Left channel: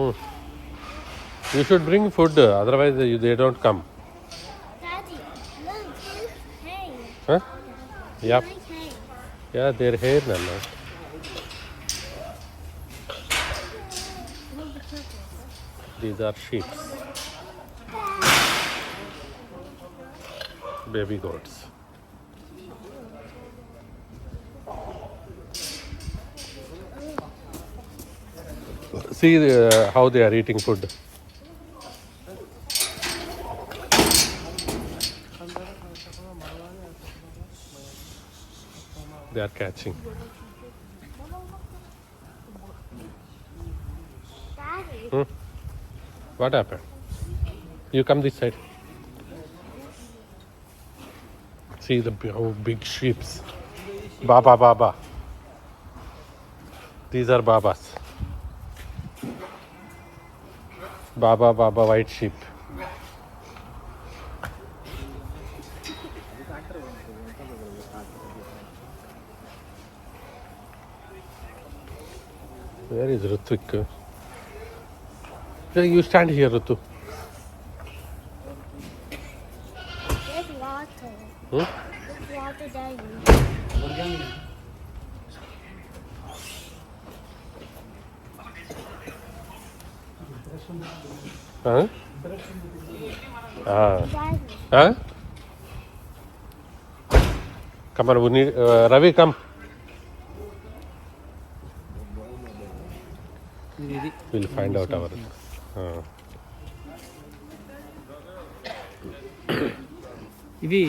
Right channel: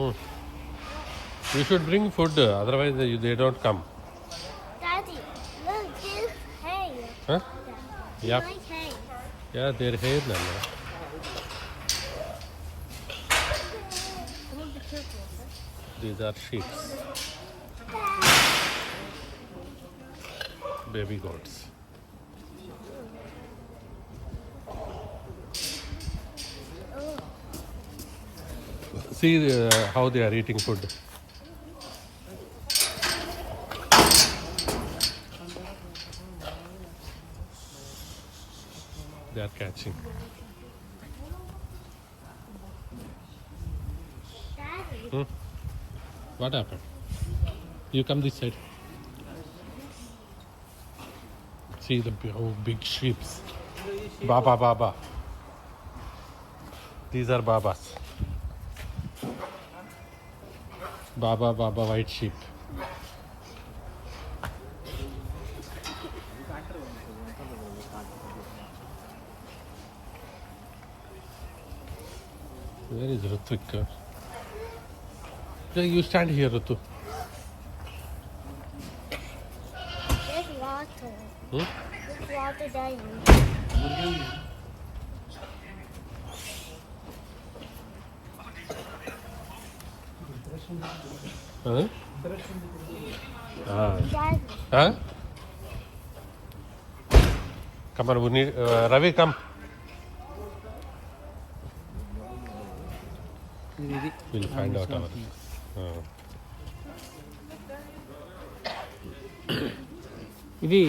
Hmm. You should bring food, otherwise they don't come. Daddy, look, there's hay. Huh? Yep. Like hay. Yeah, they're here now. I want to be careful. These are sheep. Baby goats. See how they are eating food. They are catching. Daddy. Hmm? What happened? You come this side. See the big sheeps. Baba. These are babas. Baba, white sheep. Where is Ritvik? You stand here, Ritu. There's water. Hmm? There's water there. Huh? Ah. Daddy. Huh? Come on, Ravi, come. We'll find out our. ఇవి